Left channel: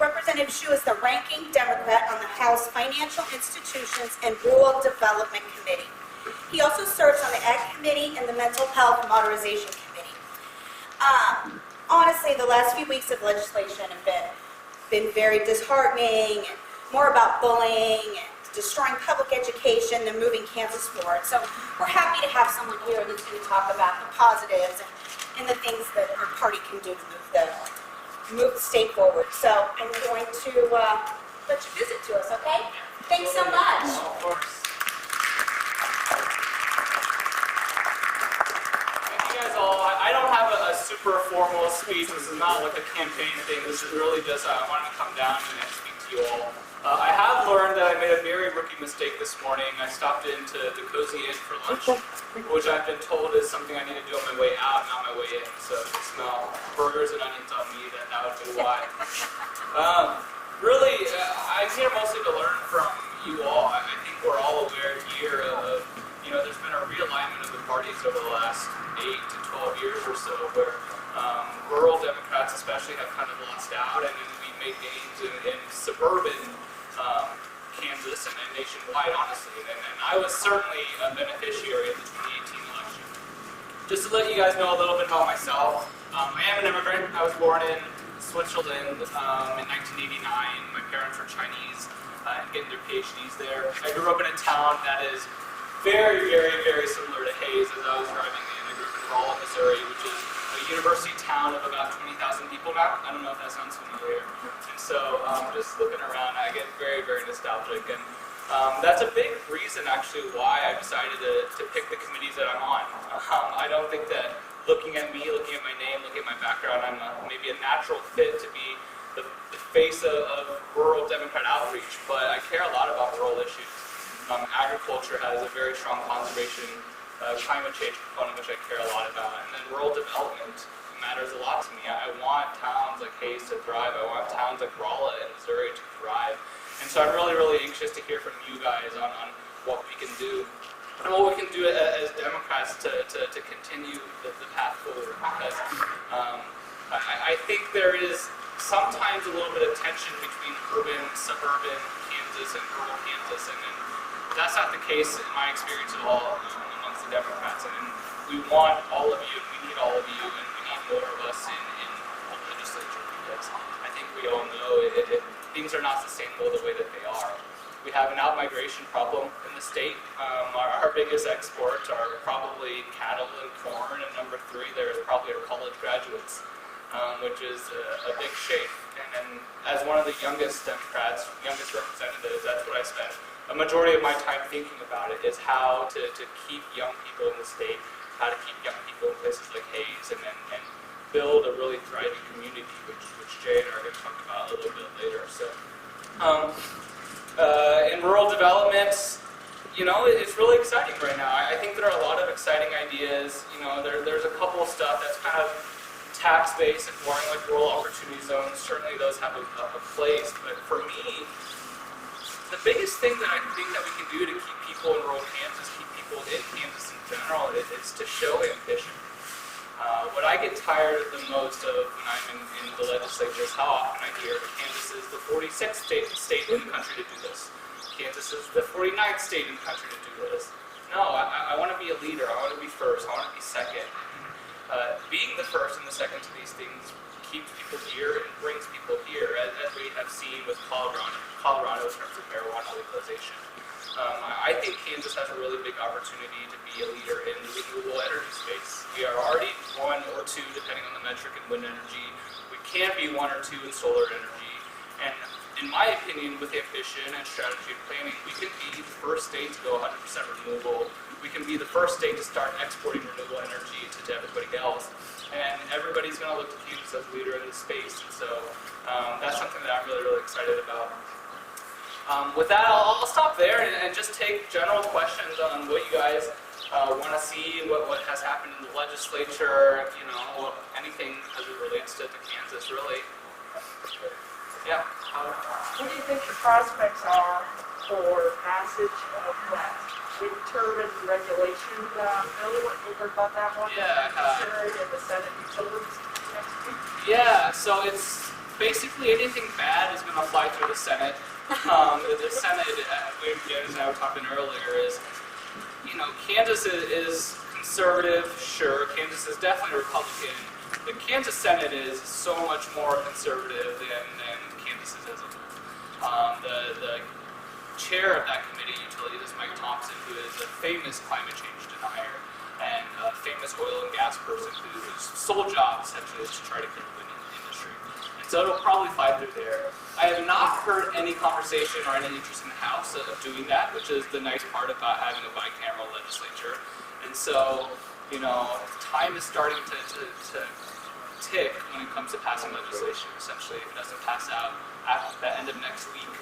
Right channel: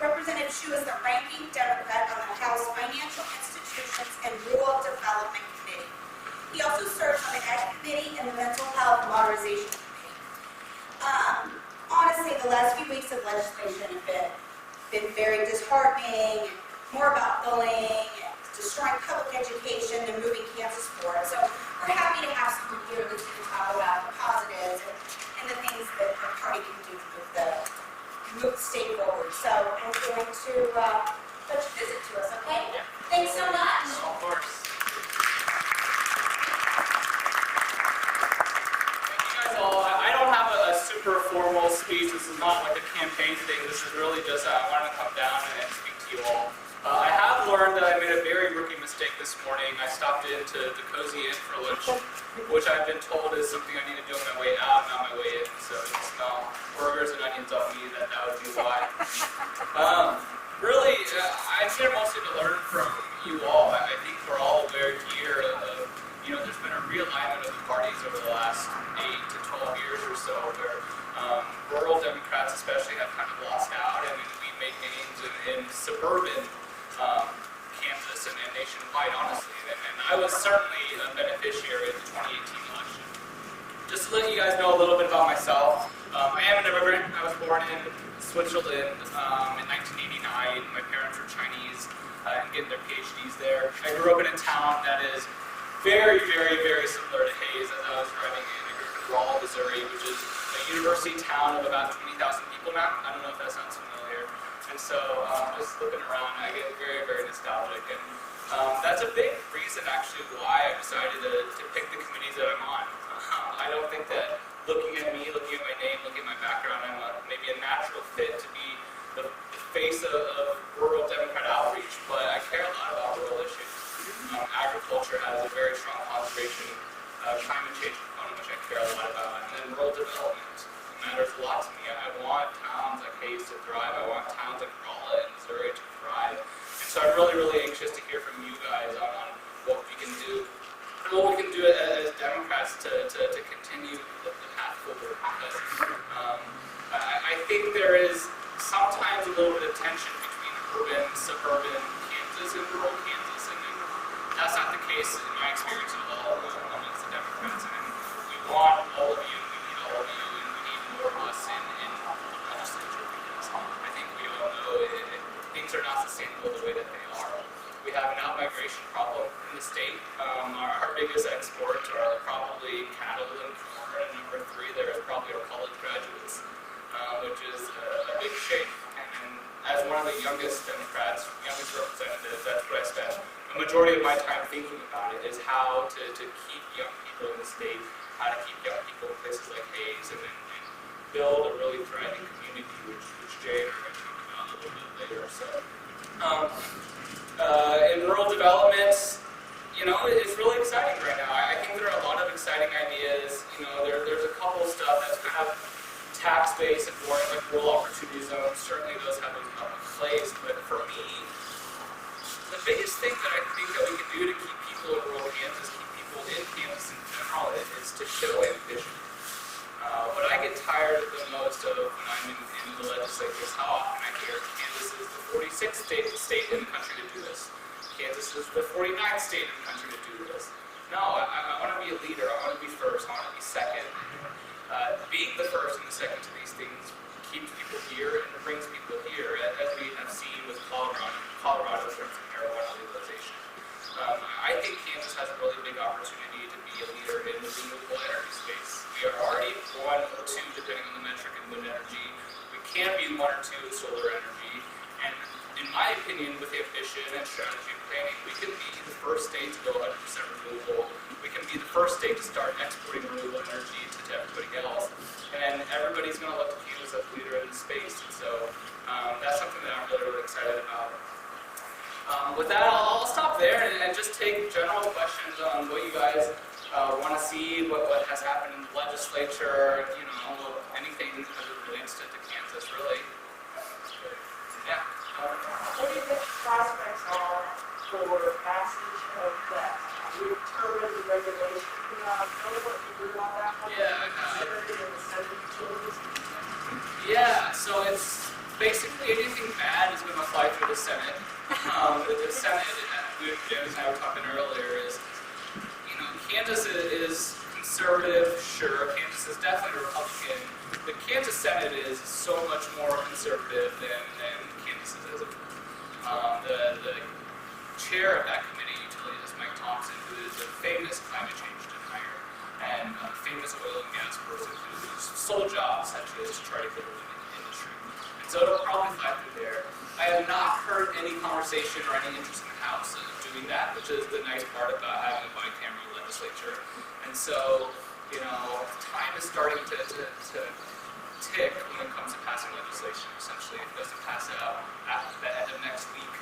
Representative Shu is the ranking Democrat on the House Financial Institutions and Rural Development Committee. He also serves on the Ag Committee and the Mental Health Modernization Committee. Honestly, the last few weeks of legislation have been very disheartening, and more about bullying and destroying public education than moving Kansas forward. So we're happy to have someone here that's going to talk about the positives and the things that our party can do to move the state forward. So I'm going to let you visit to us, okay? Yeah. Thanks so much. Oh, of course. Thank you guys all. I don't have a super formal speech. This is not like a campaign thing. This is really just I wanted to come down and speak to you all. I have learned that I made a very rookie mistake this morning. I stopped into the Cozy Inn for lunch, which I've been told is something I need to do on my way out, not my way in. So if you smell burgers and onions on me, that would be why. Really, I'm here mostly to learn from you all. I think we're all aware here of, there's been a realignment of the parties over the last 8 to 12 years or so, where rural Democrats especially have kind of lost out, and we made gains in suburban Kansas and nationwide, honestly. And I was certainly a beneficiary of the 2018 election. Just to let you guys know a little bit about myself, I am an immigrant. I was born in Switzerland in 1989. My parents were Chinese and getting their PhDs there. I grew up in a town that is very, very, very similar to Hayes as I was driving in. I grew up in Rolla, Missouri, which is a university town of about 20,000 people now. I don't know if that sounds familiar. And so just looking around, I get very, very nostalgic. And that's a big reason, actually, why I decided to pick the committees that I'm on. I don't think that looking at me, looking at my name, looking at my background, I'm maybe a natural fit to be the face of rural Democrat outreach, but I care a lot about rural issues. Agriculture has a very strong conservation, climate change component, which I care a lot about. And then rural development matters a lot to me. I want towns like Hayes to thrive. I want towns like Rolla and Missouri to thrive. And so I'm really, really anxious to hear from you guys on what we can do. And what we can do as Democrats to continue the path forward. Because I think there is sometimes a little bit of tension between urban, suburban Kansas and rural Kansas. And that's not the case in my experience at all amongst the Democrats. And we want all of you, and we need all of you, and we need more of us in the legislature, because I think we all know things are not sustainable the way that they are. We have an out-migration problem in the state. Our biggest exports are probably cattle and corn, and number 3 there is probably our college graduates, which is a big shame. And as one of the youngest Democrats, youngest representatives, that's what I spend a majority of my time thinking about, it is how to keep young people in the state, how to keep young people in places like Hayes, and build a really thriving community, which Jay and I are going to talk about a little bit later. So, in rural development, it's really exciting right now. I think there are a lot of exciting ideas. There's a couple of stuff that's kind of tax-based and boring, like rural opportunity zones. Certainly those have a place, but for me, the biggest thing that I think that we can do to keep people in rural Kansas, keep people in Kansas in general, is to show ambition. What I get tired of the most of when I'm in the legislature is how often I hear Kansas is the 46th state in the country to do this. Kansas is the 49th state in the country to do this. No, I want to be a leader. I want to be first. I want to be second. Being the first and the second to these things keeps people here and brings people here, as we have seen with Colorado in terms of marijuana legalization. I think Kansas has a really big opportunity to be a leader in the renewable energy space. We are already 1 or 2, depending on the metric, in wind energy. We can be 1 or 2 in solar energy. And in my opinion, with ambition and strategy and planning, we can be the first state to go 100% renewable. We can be the first state to start exporting renewable energy to everybody else. And everybody's going to look to Kansas as a leader in this space. And so that's something that I'm really, really excited about. With that, I'll stop there and just take general questions on what you guys want to see, what has happened in the legislature, anything as it relates to Kansas, really. Yeah. What do you think the prospects are for passage of that wind turbine regulation bill? Have you heard about that one? Yeah, I have. Considering in the Senate Utilities next week? Yeah, so it's basically anything bad is going to fly through the Senate. The Senate, Janice and I were talking earlier, is, Kansas is conservative, sure. Kansas is definitely Republican. The Kansas Senate is so much more conservative than Kansas is as a whole. The chair of that committee, Utilities, is Mike Thompson, who is a famous climate change denier and a famous oil and gas person whose sole job essentially is to try to kill the wind industry. And so it'll probably fly through there. I have not heard any conversation or any interest in the House of doing that, which is the nice part about having a bicameral legislature. And so, time is starting to tick when it comes to passing legislation. Essentially, if it doesn't pass out at the end of next week,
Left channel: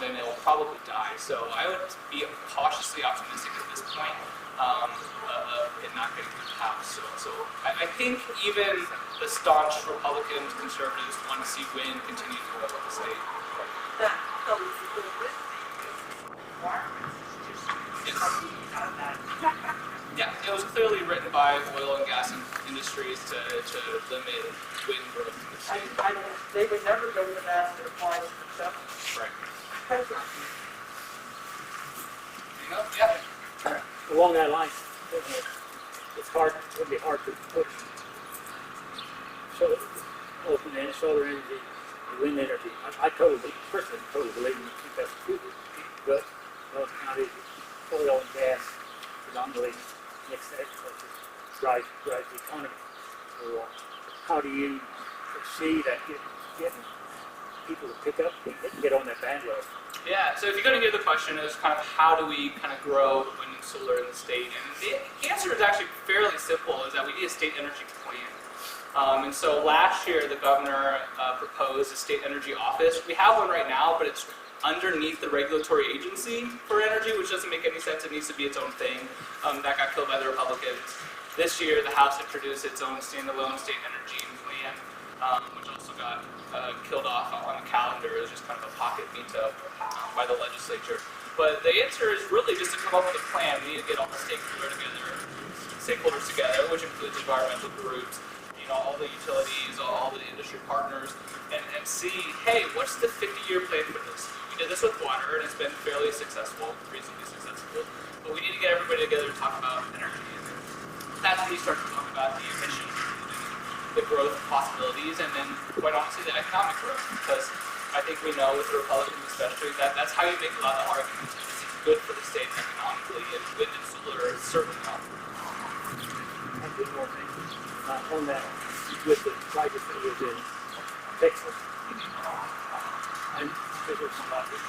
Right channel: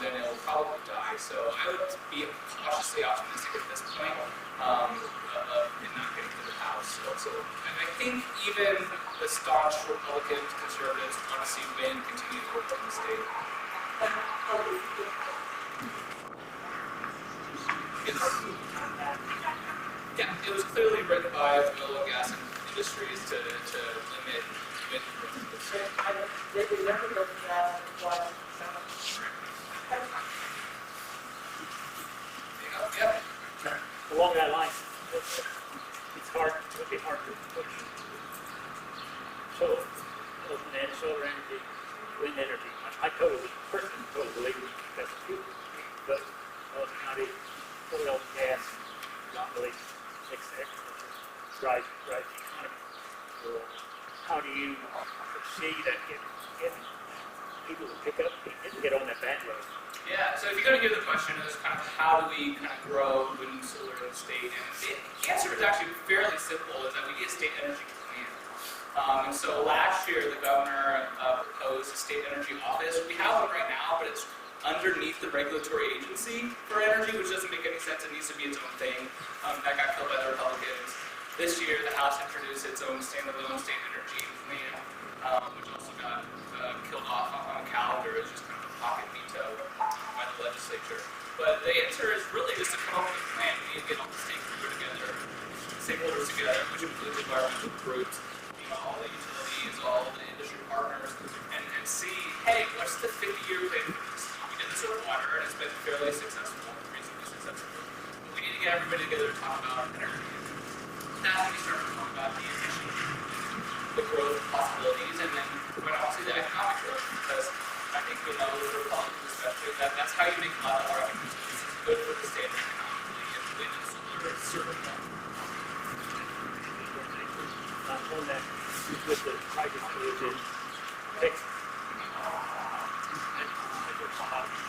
then it will probably die. So I would be cautiously optimistic at this point of it not getting through the House. So I think even the staunch Republicans, conservatives want to see wind continue to grow in the state. The wind requirements is just not that. Yeah, it was clearly written by oil and gas industries to limit wind growth in the state. They would never go for that if it applies to themselves. Right. Yeah. Along that line, it's would be hard to push. So, open and solar energy, wind energy. I personally totally believe that's true. But North County oil and gas dominating that drives the economy. So, how do you see that getting people to pick up and get on that bandwagon? Yeah, so if you're going to hear the question, is kind of how do we kind of grow wind and solar in the state? And the answer is actually fairly simple, is that we need a state energy plan. And so last year, the governor proposed a state energy office. We have one right now, but it's underneath the regulatory agency for energy, which doesn't make any sense. It needs to be its own thing. That got killed by the Republicans. This year, the House introduced its own standalone state energy plan, which also got killed off on the calendar. It was just kind of a pocket veto by the legislature. But the answer is really just to come up with a plan. We need to get all the stakeholders together, which includes environmental groups, all the utilities, all the industry partners, and see, hey, what's the 50-year plan for this? We did this with water, and it's been fairly successful, reasonably successful. But we need to get everybody together to talk about energy. And that's when you start to talk about the emissions and the growth possibilities, and then, quite honestly, the economic growth. Because I think we know, with the Republicans especially, that's how you make a lot of the arguments that this is good for the state economically, and wind and solar is certainly not. On that, with the project that you did, Texas, I'm still about it.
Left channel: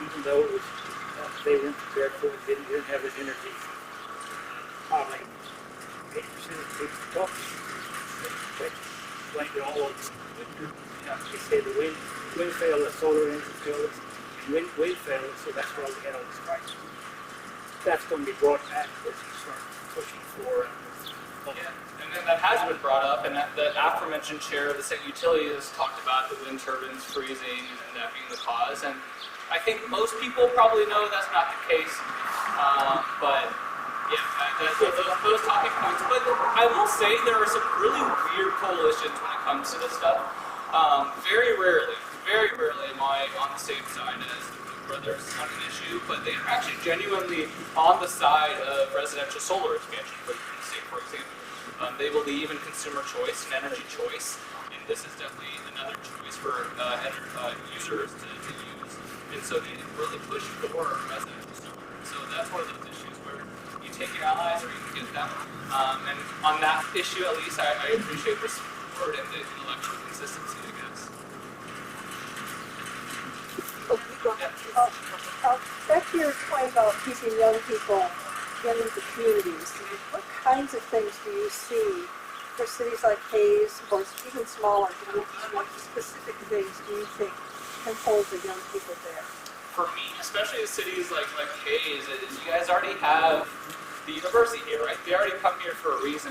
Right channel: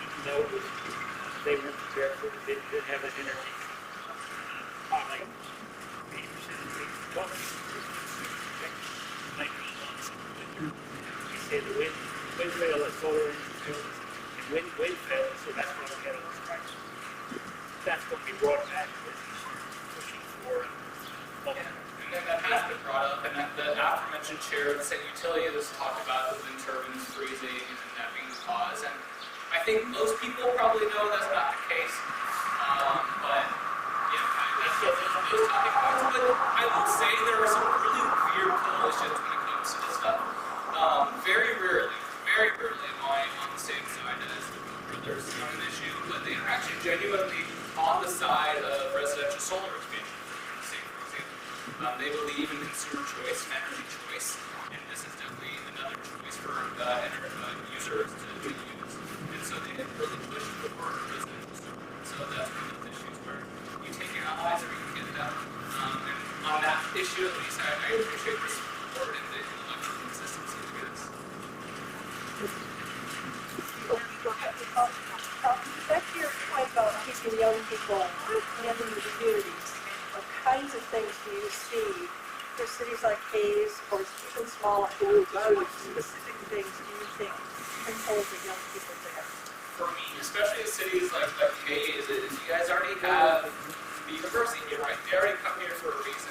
Even though it was, they weren't prepared for it, didn't have the energy, probably 8% of the talk. Went to all of they say the wind failed, the solar energy failed, and wind failed, so that's why we have this crisis. That's going to be brought back for And then that has been brought up, and the aforementioned chair of the Senate Utilities has talked about the wind turbines freezing and that being the cause. And I think most people probably know that's not the case. But yeah, those talking points. But I will say there are some really weird coalitions when it comes to this stuff. Very rarely am I on the same side as the Koch brothers on an issue, but they are actually genuinely on the side of residential solar expansion in the state, for example. They believe in consumer choice and energy choice, and this is definitely another choice for users to use. And so they have really pushed for residential solar. And so that's one of those issues where you take your allies or you can get them. And on that issue, at least, I appreciate the support and the intellectual consistency, I guess. Back to your point about keeping young people in the communities, what kinds of things do you see for cities like Hayes, or even smaller, what specific things do you think can hold the young people there? For me, especially in cities like Hayes, is you guys already have the university here, right? They already come here for a reason.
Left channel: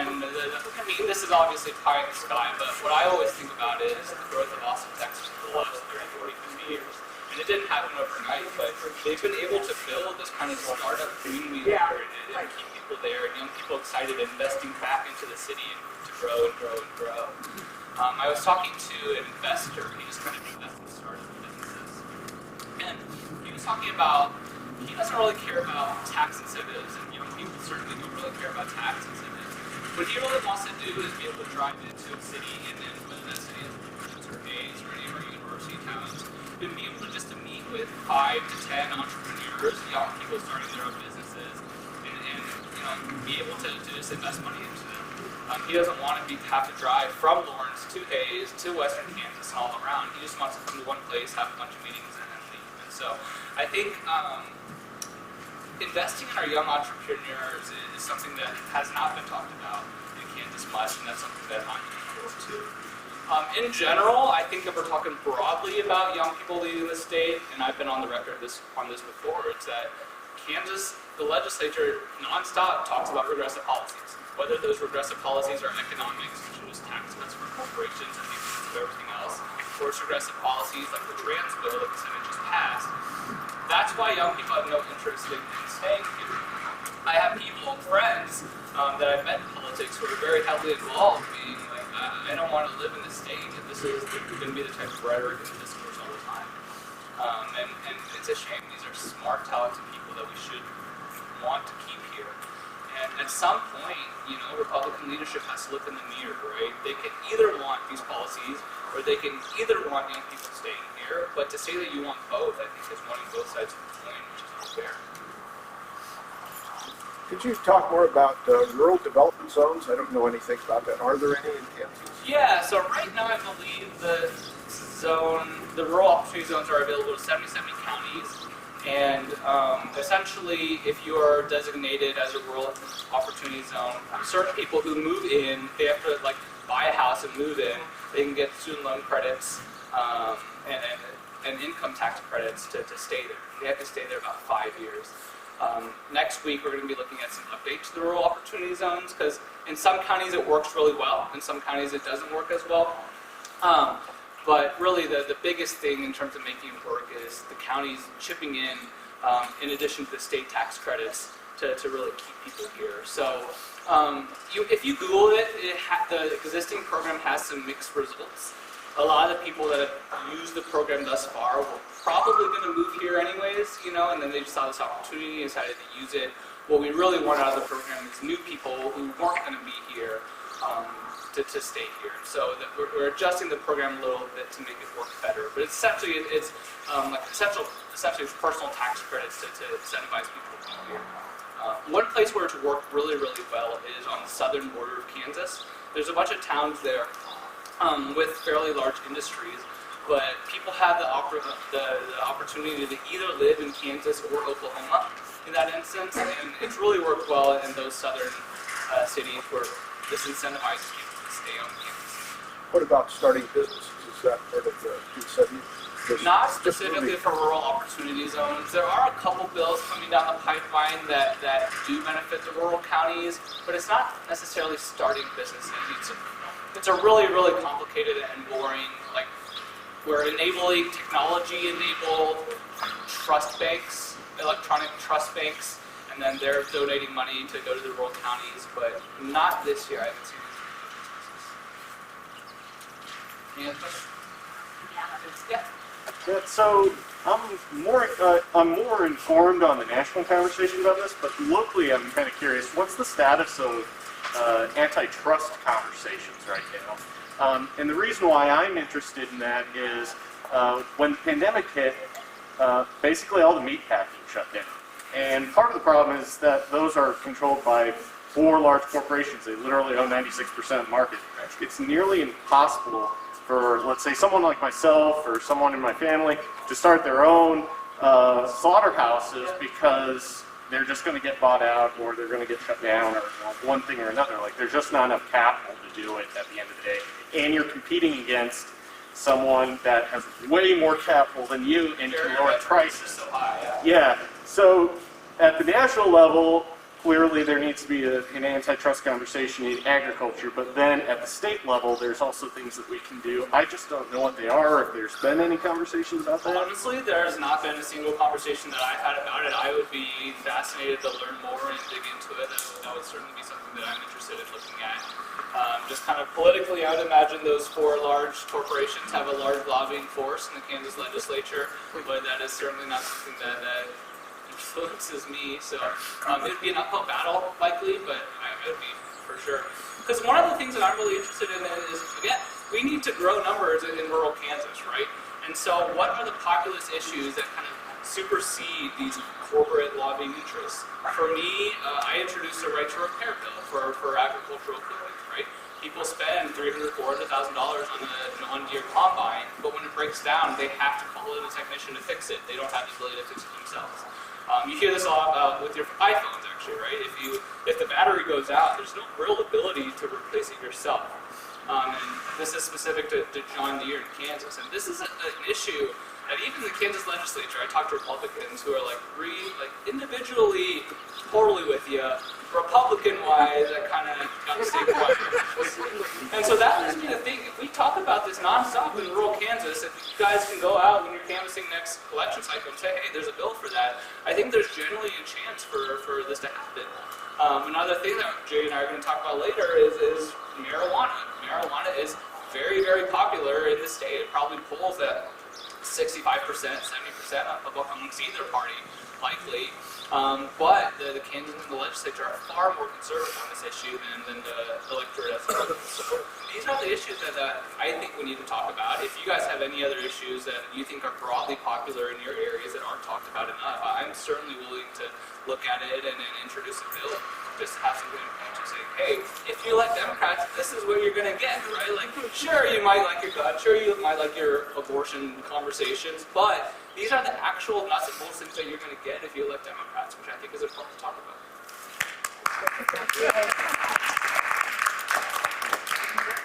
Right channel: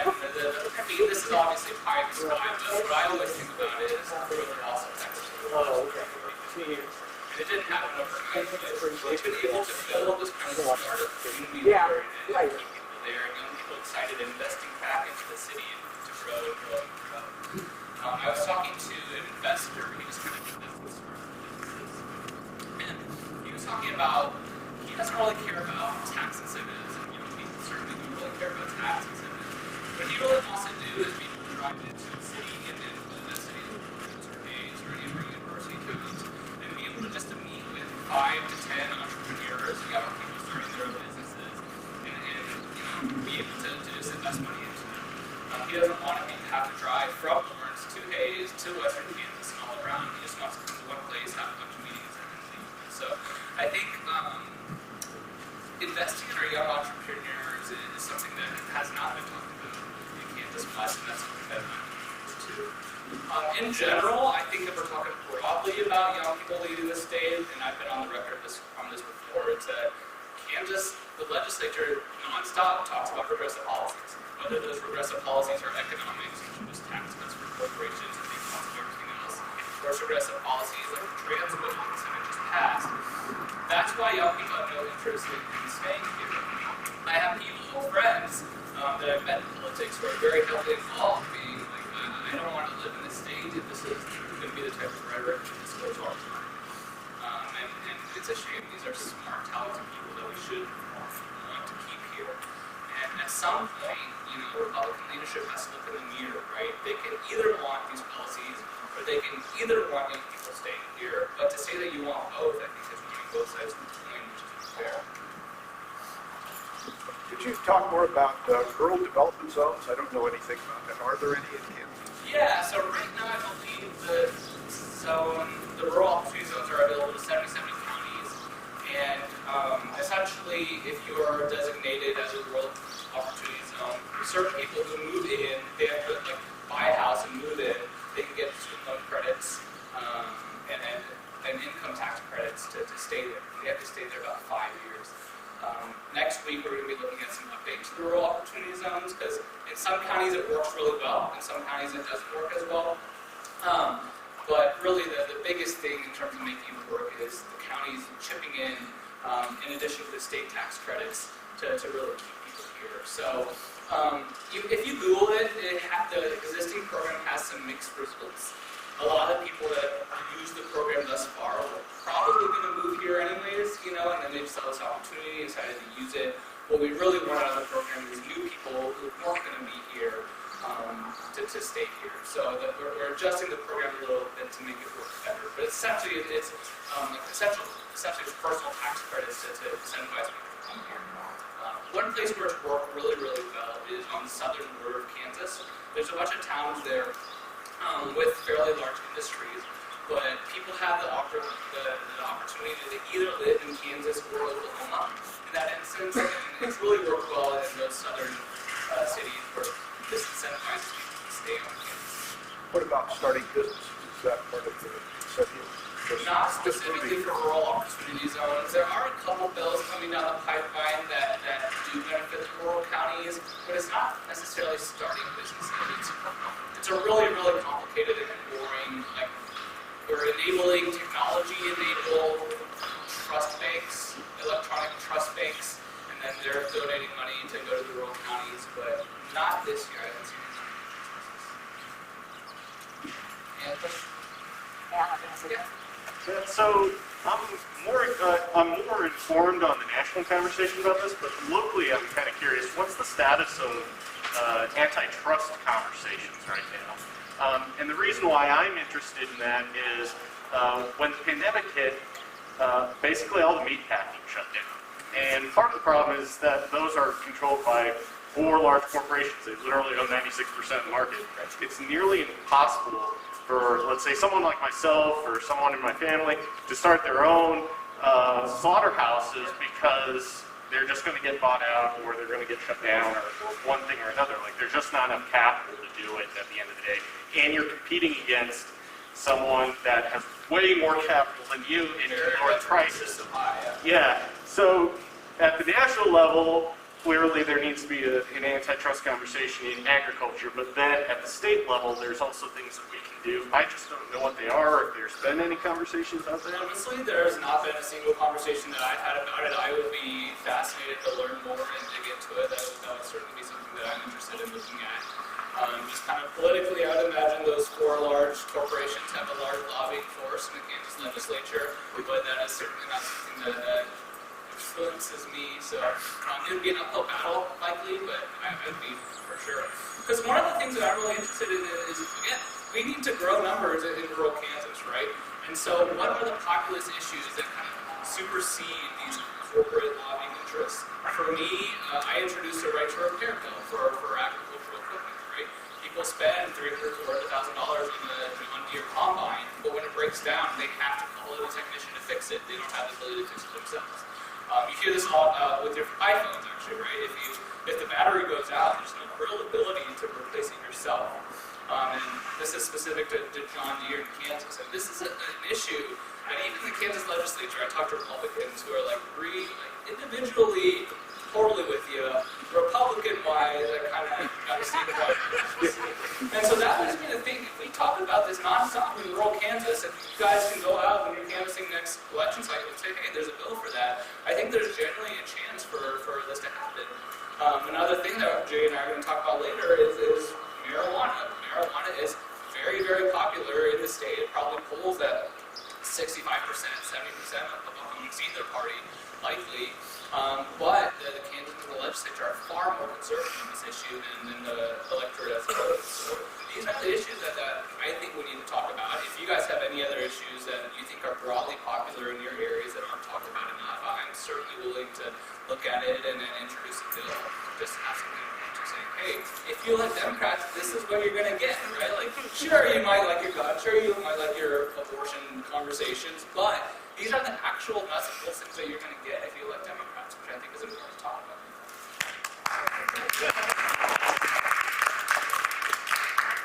And I mean, this is obviously pie in the sky, but what I always think about is the growth of Austin, Texas over the last 30, 40, 50 years. And it didn't happen overnight, but they've been able to build this kind of startup community there and keep people there and young people excited and investing back into the city and to grow and grow and grow. I was talking to an investor. He just kind of invested in startup businesses, and he was talking about he doesn't really care about tax incentives, and young people certainly don't really care about tax incentives. What he really wants to do is be able to drive into a city, and then whether that city is Lawrence or Hayes or any of our university towns, and be able to just to meet with 5 to 10 entrepreneurs, young people starting their own businesses, and be able to just invest money into them. He doesn't want to have to drive from Lawrence to Hayes to Western Kansas and all around. He just wants to come to one place, have a bunch of meetings, and then leave. And so I think investing in our young entrepreneurs is something that has not been talked about in Kansas much, and that's something that I'm looking forward to. In general, I think if we're talking broadly about young people leading the state, and I've been on the record on this before, it's that Kansas, the legislature nonstop talks about regressive policies. Whether those regressive policies are economics, which are just tax cuts for corporations at the expense of everything else, or it's regressive policies like the trans bill that the Senate just passed. That's why young people have no interest in staying here. I have people, friends, that I've met in politics who are very heavily involved, being like, I don't want to live in this state if this is going to be the type of rhetoric and discourse all the time. And it's a shame. These are smart, talented people that we should want to keep here. And at some point, Republican leadership has to look in the mirror, right? They can either want these policies, or they can either want young people staying here, but to say that you want both, I think, is wanting both sides of the coin, which is unfair. Could you talk more about rural development zones? I don't know anything about that. Are there any in Kansas? Yeah, so right now I believe the rural opportunity zones are available to 77 counties. And essentially, if you are designated as a rural opportunity zone, certain people who move in, they have to buy a house and move in. They can get student loan credits and income tax credits to stay there. They have to stay there about 5 years. Next week, we're going to be looking at some updates to the rural opportunity zones, because in some counties it works really well, in some counties it doesn't work as well. But really, the biggest thing in terms of making it work is the counties chipping in addition to the state tax credits, to really keep people here. So if you Google it, the existing program has some mixed results. A lot of the people that have used the program thus far were probably going to move here anyways, and then they just saw this opportunity and decided to use it. What we really want out of the program is new people who weren't going to be here to stay here. So that we're adjusting the program a little bit to make it work better. But essentially, it's essentially personal tax credits to incentivize people to be here. One place where it's worked really, really well is on the southern border of Kansas. There's a bunch of towns there with fairly large industries, but people have the opportunity to either live in Kansas or Oklahoma in that instance, and it's really worked well in those southern cities where this incentivizes people to stay on campus. What about starting businesses? Is that part of the incentive? Not specifically for rural opportunity zones. There are a couple bills coming down the pipeline that do benefit the rural counties, but it's not necessarily starting businesses. It's a really, really complicated and boring, we're enabling technology-enabled trust banks, electronic trust banks, and then they're donating money to go to the rural counties, but not this year. I haven't seen anything about businesses. Any other questions? Yeah. Yeah, so I'm more informed on the national conversation about this, but locally I'm kind of curious, what's the status of antitrust conversations right now? And the reason why I'm interested in that is when the pandemic hit, basically all the meat packing shut down. And part of the problem is that those are controlled by 4 large corporations. They literally own 96% of the market. It's nearly impossible for, let's say, someone like myself or someone in my family to start their own slaughterhouses because they're just going to get bought out or they're going to get shut down or one thing or another. There's just not enough capital to do it at the end of the day. And you're competing against someone that has way more capital than you and lower prices. So high, Yeah. So at the national level, clearly there needs to be an antitrust conversation in agriculture, but then at the state level, there's also things that we can do. I just don't know what they are, if there's been any conversations about that. Honestly, there's not been a single conversation that I've had about it. I would be fascinated to learn more and dig into it. That would certainly be something that I'm interested in looking at. Just kind of politically, I would imagine those 4 large corporations have a large lobbying force in the Kansas legislature, but that is certainly not something that influences me. So it would be an uphill battle, likely, but I would be for sure. Because one of the things that I'm really interested in is, again, we need to grow numbers in rural Kansas, right? And so what are the populist issues that kind of supersede these corporate lobbying interests? For me, I introduced a right to repair bill for agricultural equipment, right? People spend $300,000, $400,000 on a John Deere combine, but when it breaks down, they have to call in a technician to fix it. They don't have the ability to fix it themselves. You hear this a lot about with your iPhones, actually, right? If the battery goes out, there's no real ability to replace it yourself. And this is specific to John Deere in Kansas. And this is an issue that even the Kansas legislature, I talked to Republicans who are like individually totally with you. Republican-wise, I kind of got to stay quiet. And so that leads me to think, if we talk about this nonstop in rural Kansas, if you guys can go out when you're canvassing next election cycle and say, hey, there's a bill for that, I think there's generally a chance for this to happen. Another thing that Jay and I are going to talk about later is marijuana. Marijuana is very, very popular in the state. It probably polls at 65%, 70% amongst either party, likely. But the candidates in the legislature are far more conservative on this issue than the electorate as a whole. So these are the issues that I think we need to talk about. If you guys have any other issues that you think are broadly popular in your areas that aren't talked about enough, I'm certainly willing to look at it and then introduce a bill just to have something to point to, saying, hey, if you elect Democrats, this is what you're going to get, right? Like, sure, you might like your gun, sure, you might like your abortion conversations, but these are the actual nuts and bolts things that you're going to get if you elect Democrats, which I think is important to talk about.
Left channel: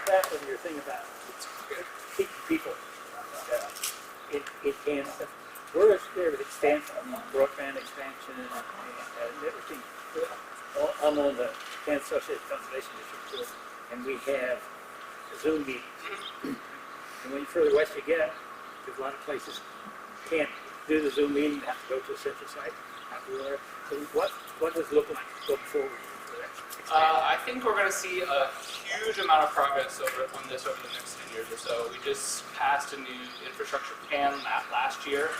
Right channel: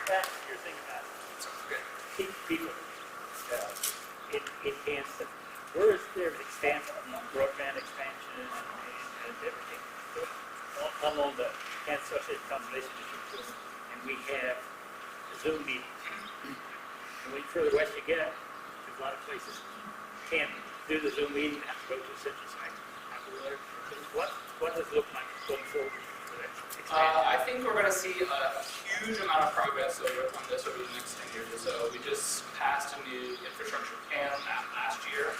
Back on your thing about Okay. people in Kansas, we're there with expansion, broadband expansion, and everything. I'm on the Kansas Association of Conservation District, and we have Zoom meetings. And when further west you get, there's a lot of places can't do the Zoom meeting, have to go to a central site, have to go there. So what does it look like going forward? I think we're going to see a huge amount of progress on this over the next 10 years or so. We just passed a new infrastructure plan last year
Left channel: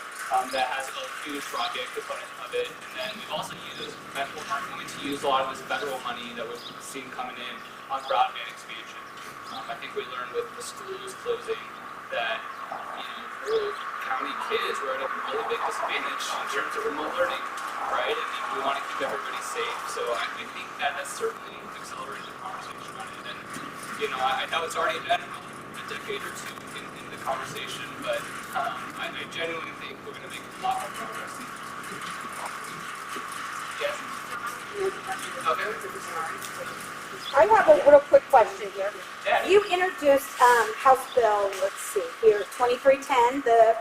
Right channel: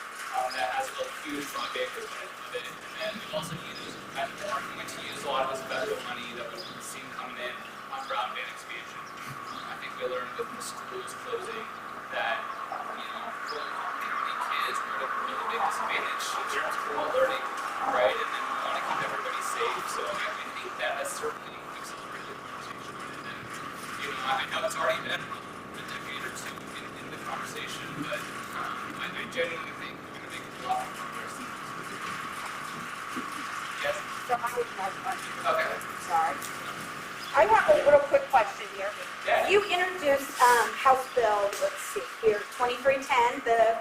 that has a huge broadband component of it. And then we've also are going to use a lot of this federal money that we've seen coming in on broadband expansion. I think we learned with the schools closing that, rural county kids were at a really big disadvantage in terms of remote learning, right? And then we want to keep everybody safe. So I think that has certainly accelerated the conversation on it. And, I know it's already been probably a decade or two in the conversation, but I genuinely think we're going to make a lot more progress in the next few years. Yes? Okay. I'm sorry. I have a little quick question here. Yeah. You introduced House Bill, let's see here, 2310, the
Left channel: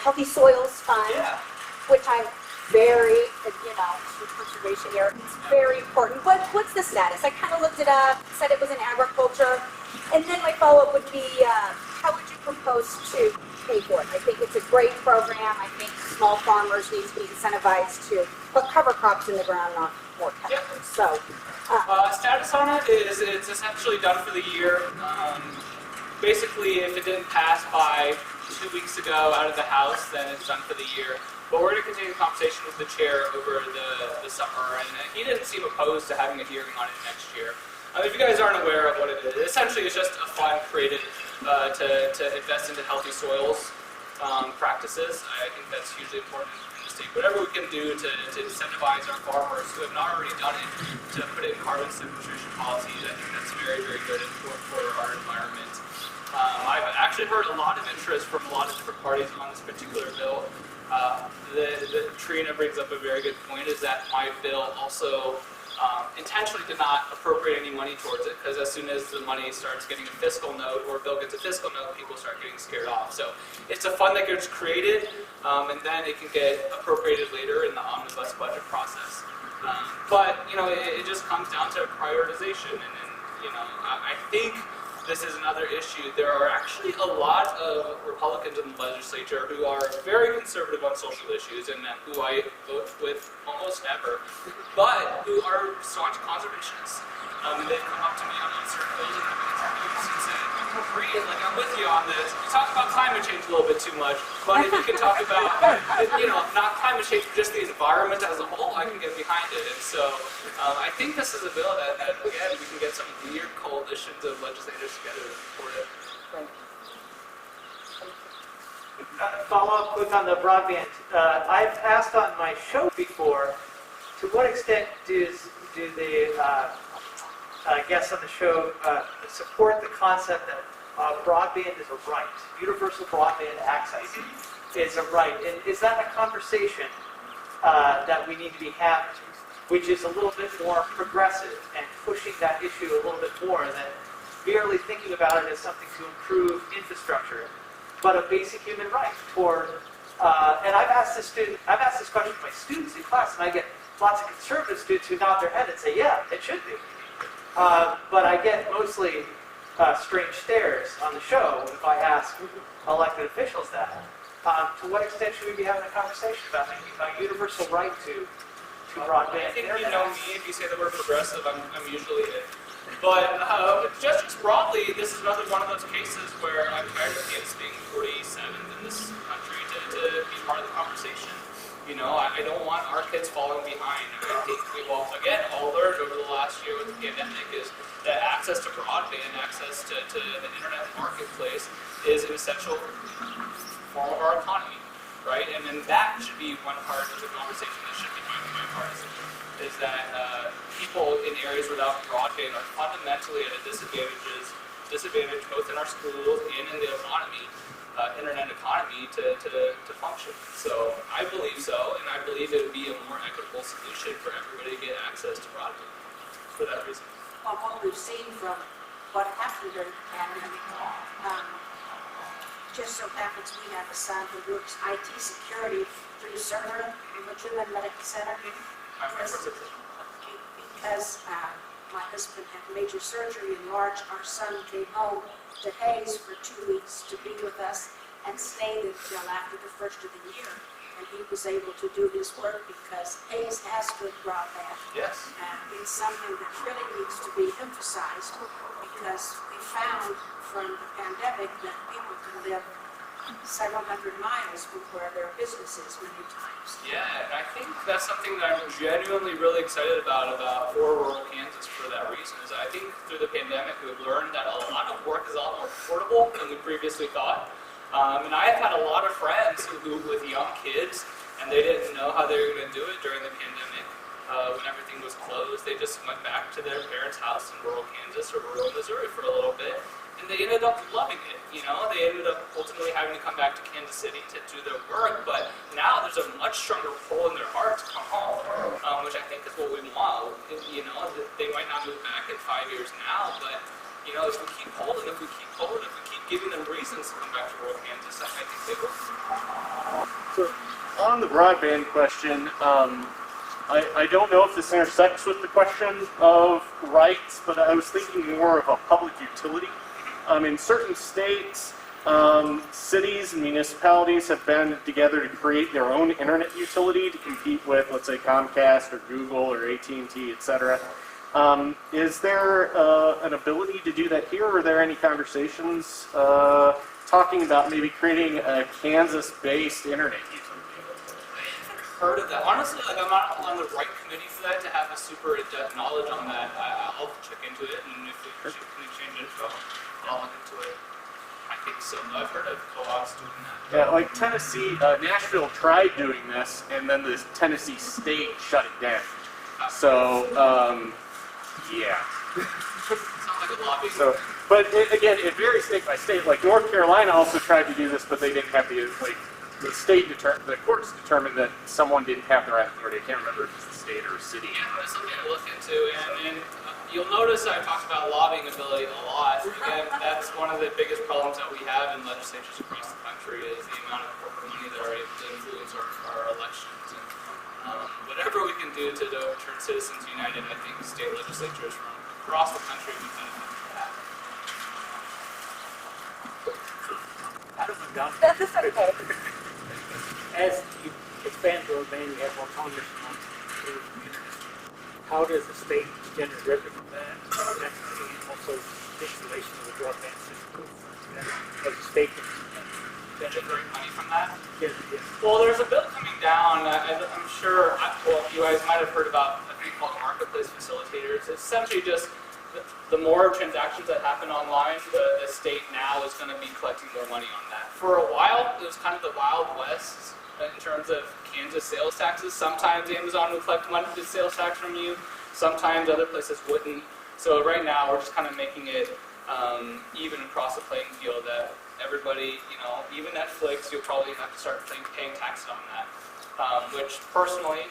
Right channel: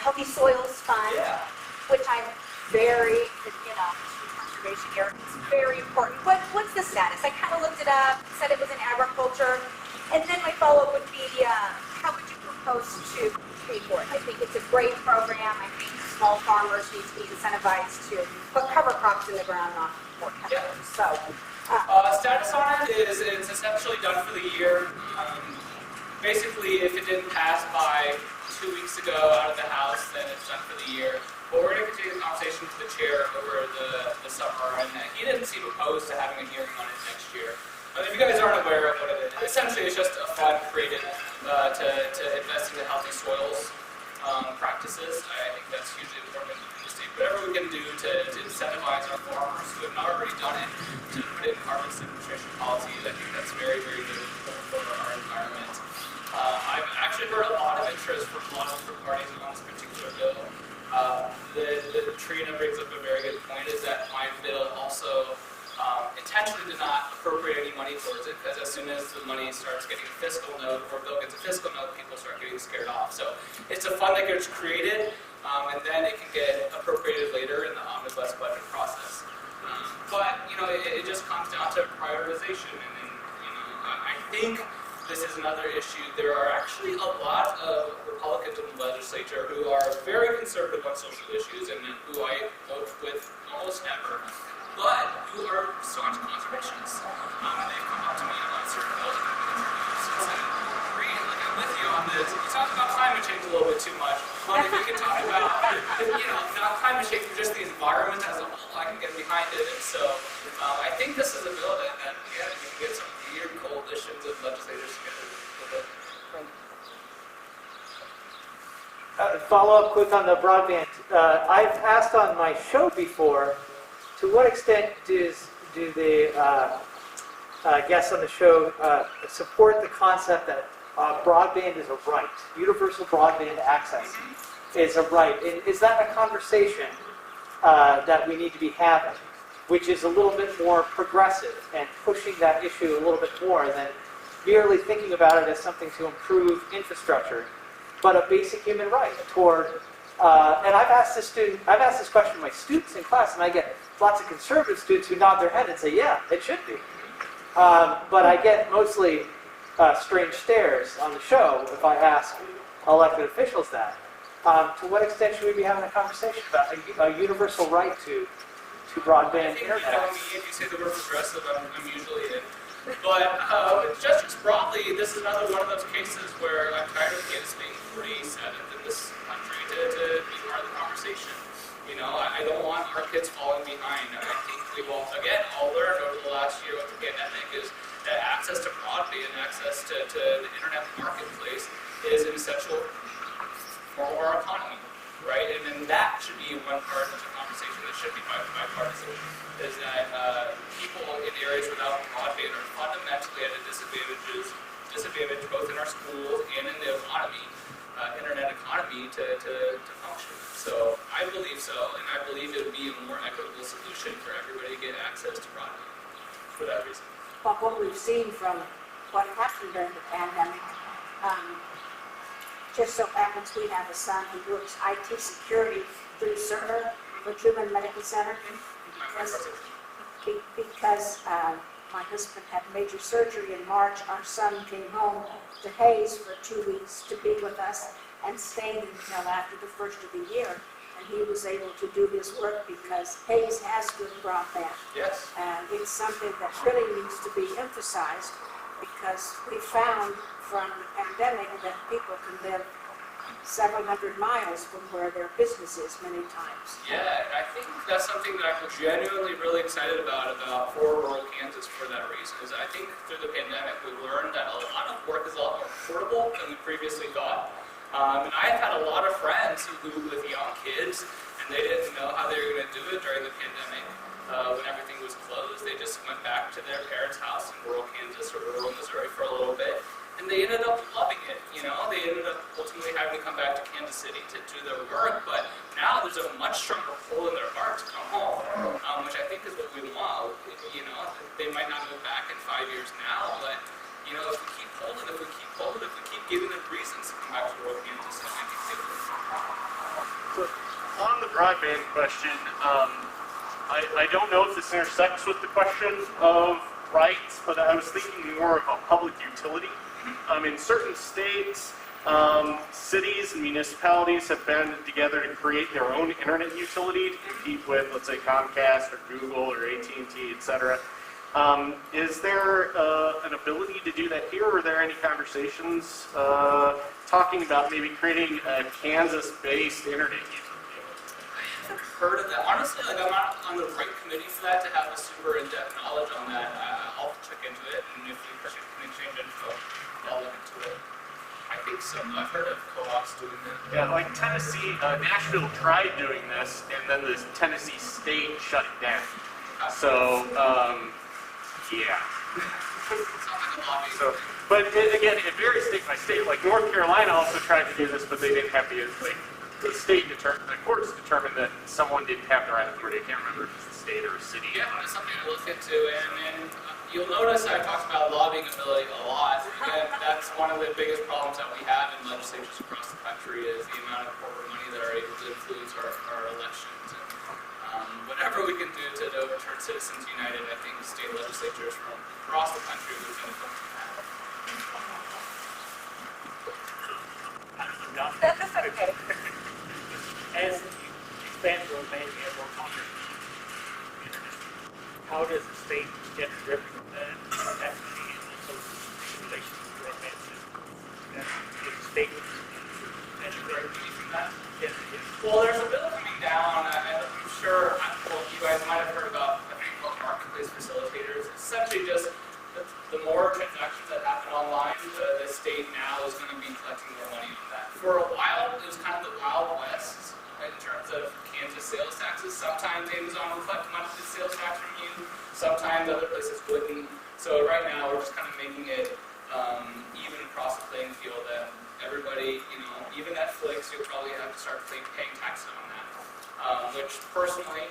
Healthy Soils Fund, Yeah. which I'm very, conservation here, it's very important. What's the status? I kind of looked it up, said it was in agriculture, and then my follow-up would be, how would you propose to pay for it? I think it's a great program. I think small farmers need to be incentivized to put cover crops in the ground, not more Yeah. peppers. So, Status on it is it's essentially done for the year. Basically, if it didn't pass by 2 weeks ago out of the House, then it's done for the year. But we're going to continue the conversation with the chair over the summer, and he didn't seem opposed to having a hearing on it next year. If you guys aren't aware of what it is, essentially it's just a fund created to invest into healthy soils practices. I think that's hugely important in the state. Whatever we can do to incentivize our farmers who have not already done it to put in carbon sequestration policies, I think that's very, very good and important for our environment. I've actually heard a lot of interest from a lot of different parties on this particular bill. Trina brings up a very good point, is that my bill also intentionally did not appropriate any money towards it, because as soon as the money starts getting a fiscal note, or a bill gets a fiscal note, people start getting scared off. So it's a fund that gets created, and then it can get appropriated later in the omnibus budget process. But, it just comes down to prioritization, and then, I think this is another issue. There are actually a lot of Republicans in the legislature who are very conservative on social issues and who I vote with almost never, but who are staunch conservationists. And they've come up to me on certain bills that have been introduced and said, "Great, like I'm with you on this." You talk about climate change a little bit too much, but if you can talk about, not climate change, but just the environment as a whole, I can get behind it. And so I think this is a bill that again, we can get some weird coalitions of legislators together to support it. Follow up quick on the broadband. I've asked on my show before, to what extent do the guests on the show support the concept that broadband is a right, universal broadband access is a right? And is that a conversation that we need to be having, which is a little bit more progressive and pushing that issue a little bit more than merely thinking about it as something to improve infrastructure, but a basic human right toward, and I've asked this question to my students in class, and I get lots of conservative students who nod their head and say, yeah, it should be. But I get mostly strange stares on the show if I ask elected officials that. To what extent should we be having a conversation about a universal right to broadband I think internet? you know me, if you say the word progressive, I'm usually in. But just broadly, this is another one of those cases where I'm tired of Kansas being 47th in this country to be part of the conversation. I don't want our kids falling behind. I think we've all learned over the last year with the pandemic is that access to broadband, access to the internet marketplace is an essential form of our economy, right? And then that should be one part of the conversation that should be bipartisan, is that people in areas without broadband are fundamentally at a disadvantage both in our schools and in the economy, internet economy to function. So I believe so, and I believe it would be a more equitable solution for everybody to get access to broadband for that reason. But what we've seen from what happened during the pandemic, just so happens we have a son who works IT security through Cerner for Truman Medical Center. My wife works at Truman. Because my husband had major surgery in March, our son came home to Hayes for 2 weeks to be with us and stayed until after the first of the year. And he was able to do his work because Hayes has good broadband. Yes. And it's something that really needs to be emphasized because we found from the pandemic that people can live several hundred miles from where their business is many times. Yeah, and I think that's something that I'm genuinely really excited about for rural Kansas for that reason, is I think through the pandemic we've learned that a lot of work is a lot more portable than we previously thought. And I've had a lot of friends who with young kids, and they didn't know how they were going to do it during the pandemic. When everything was closed, they just went back to their parents' house in rural Kansas or rural Missouri for a little bit, and they ended up loving it. They ended up ultimately having to come back to Kansas City to do their work, but now there's a much stronger pull in their heart to come home, which I think is what we want. They might not move back in 5 years now, but if we keep polling, if we keep giving them reasons to come back to rural Kansas, I think they will. So, on the broadband question, I don't know if this intersects with the question of rights, but I was thinking more of a public utility. In certain states, cities and municipalities have banded together to create their own internet utility to compete with, let's say, Comcast or Google or AT&T, etc. Is there an ability to do that here? Or are there any conversations talking about maybe creating a Kansas-based internet utility? I haven't heard of that. Honestly, I'm not on the right committee for that to have a super in-depth knowledge on that. I'll check into it, and if we can exchange info, I'll look into it. I think so. No, I've heard of co-ops doing that. Yeah, like Tennessee, Nashville tried doing this, and then the Tennessee state shut it down. Okay. So, yeah. Sounds like a lobbying So, thing. but again, it varies state by state. Like North Carolina also tried to do this, but they didn't have the the courts determined that someone didn't have the right authority. I can't remember if it's the state or the city. Yeah, that's something to look into, and you'll notice I talked about lobbying ability a lot. Again, that's one of the biggest problems that we have in legislatures across the country is the amount of corporate money that are able to influence our elections. And whatever we can do to overturn Citizens United, I think state legislatures from across the country would benefit from that. As you expand broadband, you have more congressmen. How does the state extend the river from that? Also, the more transactions that happen online, the state now is going to be collecting more money on that. For a while, it was kind of the Wild West in terms of Kansas sales taxes. Sometimes Amazon will collect money for sales tax from you. Sometimes other places wouldn't. So right now, we're just kind of making it even across the playing field that everybody, even Netflix, you'll probably have to start paying taxes on that. Which personally,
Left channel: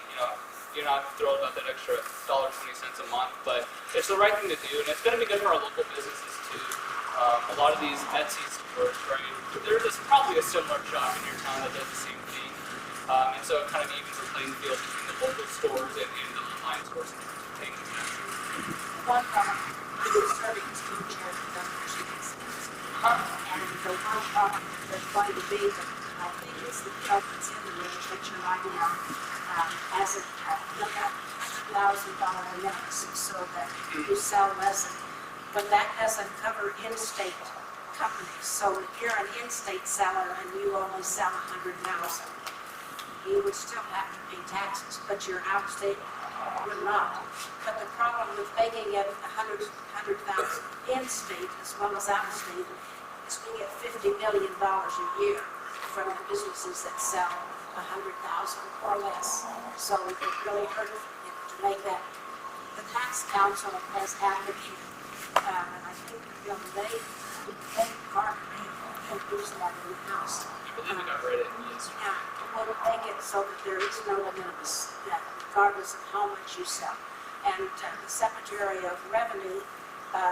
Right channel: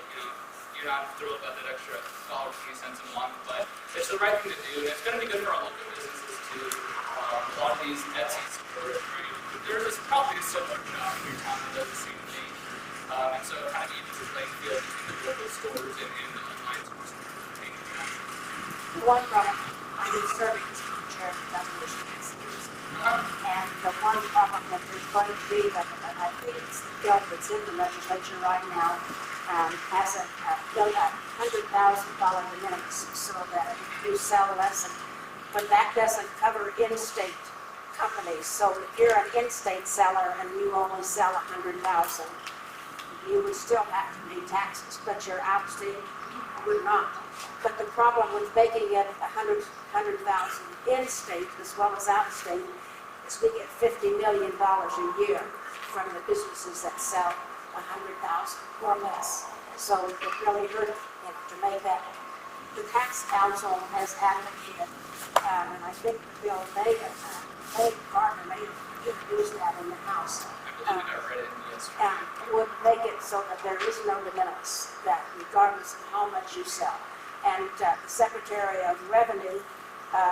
you're not thrilled about that extra $1.20 a month, but it's the right thing to do, and it's going to be good for our local businesses too. A lot of these Etsy stores, right? There's probably a similar shop in your town that does the same thing, and so it kind of evens the playing field between the local stores and the online stores in terms of paying the taxes. One problem, I'm serving as co-chair of the governor's council. And the one problem that there's going to be, that I think is the bill that's in the legislature right now, has a $100,000 de minimis, so that if you sell less, but that doesn't cover in-state companies. So if you're an in-state seller and you only sell 100,000, you would still have to pay taxes, but your out-of-state would not. But the problem with making it 100,000 in-state as well as out-of-state is we get $50 million a year from the businesses that sell 100,000 or less. So it really hurt, to make that. The tax council has advocated, and I think Bill Megan, Gardner may have introduced that in the House. I believe I read it yesterday. Would make it so that there is no de minimis, that regardless of how much you sell. And the Secretary of Revenue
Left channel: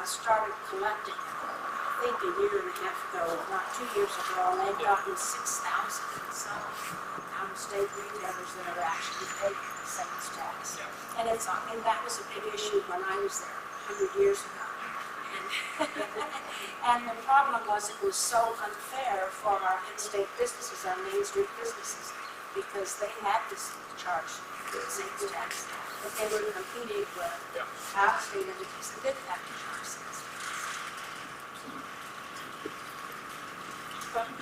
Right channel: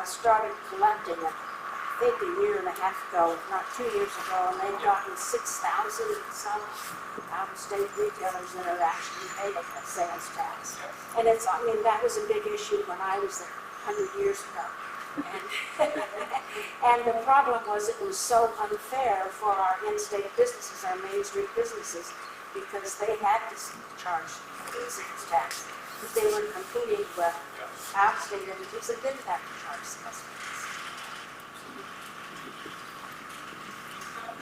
started collecting it, I think a year and a half ago, if not 2 years ago, and they've gotten 6,000 and some out-of-state retailers that have actually paid a sales tax. Yeah. And that was a big issue when I was there 100 years ago. And, and the problem was it was so unfair for our in-state businesses, our Main Street businesses, because they had to charge sales tax, but they were competing with out-of-state entities that didn't have to charge sales tax.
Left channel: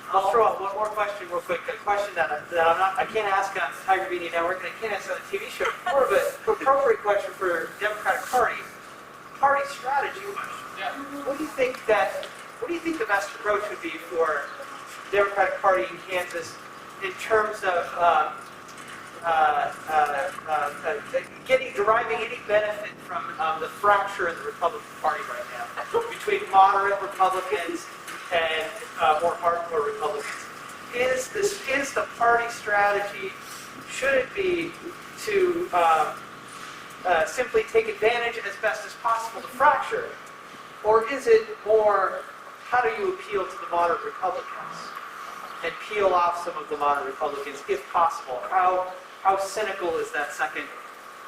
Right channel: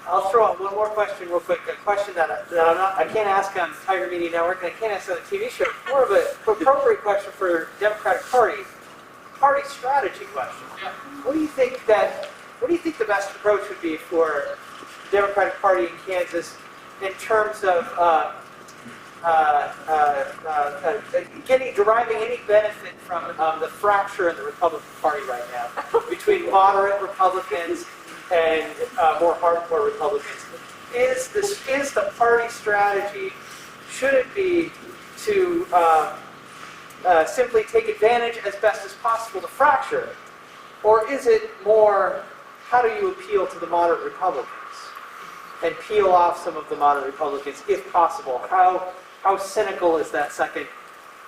I'll throw out one more question real quick, a question that I can't ask on Tiger Media Network, and I can't ask on a TV show. More of an appropriate question for Democratic Party strategy question. Yeah. What do you think the best approach would be for Democratic Party in Kansas in terms of deriving any benefit from the fracture in the Republican Party right now between moderate Republicans and more hardcore Republicans? Is the party strategy, should it be to simply take advantage as best as possible to fracture, or is it more, how do you appeal to the moderate Republicans and peel off some of the moderate Republicans if possible? How cynical is that second?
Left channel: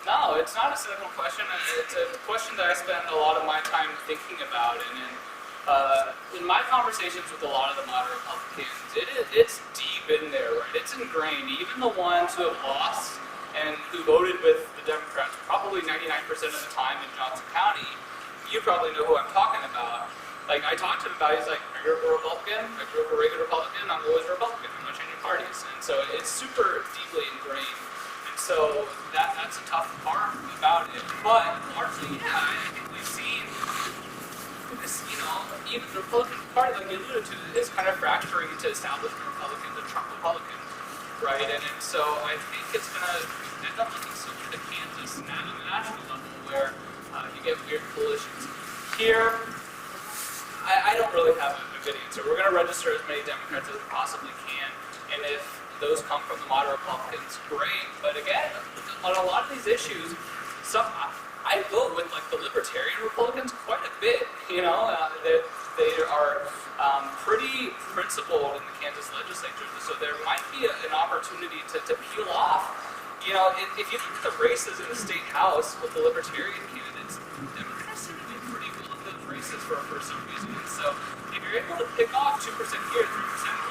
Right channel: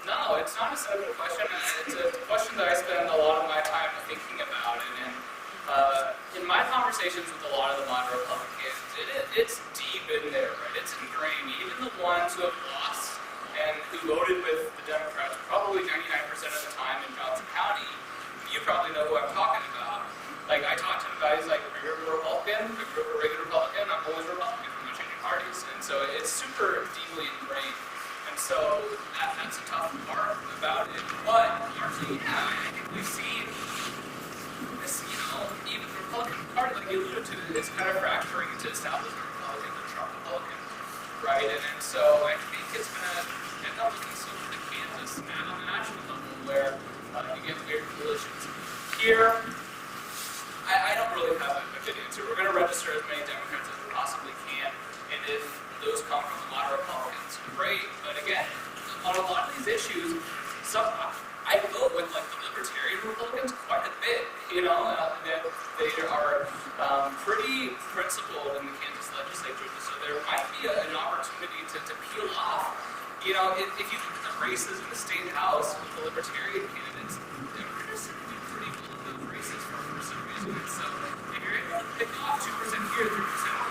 No, it's not a cynical question. It's a question that I spend a lot of my time thinking about, and in my conversations with a lot of the moderate Republicans, it's deep in there, right? It's ingrained. Even the ones who have lost and who voted with the Democrats probably 99% of the time in Johnson County, you probably know who I'm talking about. Like, I talked to him about, he's like, I grew up a Republican, I grew up a regular Republican, I'm always a Republican, I'm not changing parties. And so it's super deeply ingrained. And so that's a tough part about it. But largely, yeah, I think we've seen this, even the Republican Party, like you alluded to, is kind of fracturing into establishment Republicans and Trump Republicans, right? And so I think it's going to end up looking similar to Kansas now on the national level, where you get weird coalitions. Here, I don't really have a good answer. We're going to register as many Democrats as we possibly can, and if those come from the moderate Republicans, great. But again, on a lot of these issues, I vote with like the libertarian Republicans quite a bit. They are pretty principled in the Kansas legislature, so there might be an opportunity to peel off. If you look at the races in the state house with the libertarian candidates, Democrats tend to do pretty well in those races for some reason. And so if you're able to pick off 2% here, 3%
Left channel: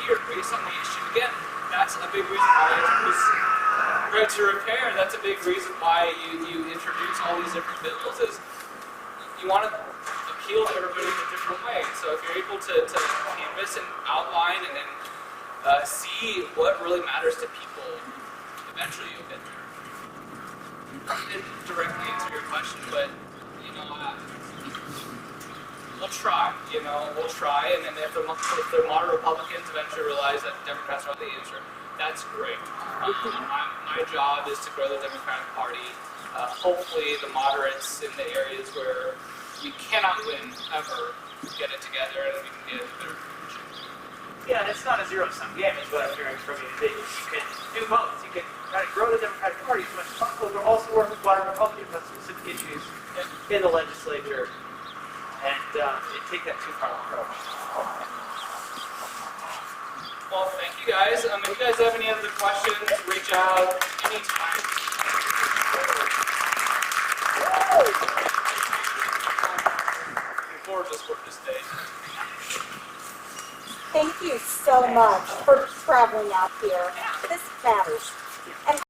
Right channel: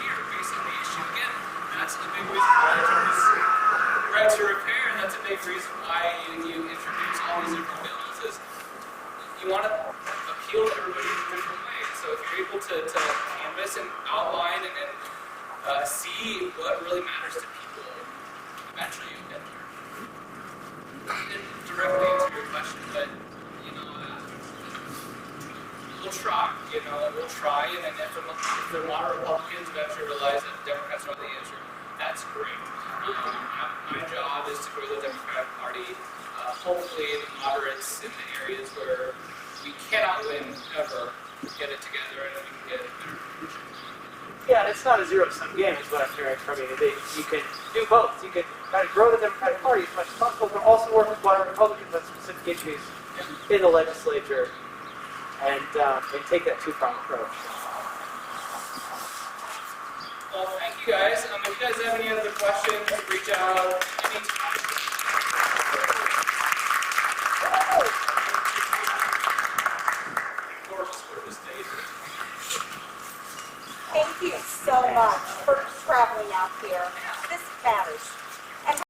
here based on the issue, again, that's a big reason why I introduce right to repair. That's a big reason why you introduce all these different bills, is you want to appeal to everybody in a different way. And so if you're able to canvas and outline and then see what really matters to people, eventually you'll get there. And directly answer your question, but we'll try. We'll try, and then if the moderate Republicans eventually realize that the Democrats are not the answer, that's great. My job is to grow the Democratic Party. Hopefully, the moderates in the areas where we cannot win ever get it together, and we can get a better conclusion. Yeah, it's not a zero-sum game, is what I'm hearing from you. You can do both. You can kind of grow the Democratic Party as much as possible, but also work with a lot of Republicans on specific issues in the legislature, and take that two-pronged approach. Well, thank you guys. If you guys have any other questions, reach out anytime. Gorgeous day to hang out. Thank you so much for traveling out here. This matters. And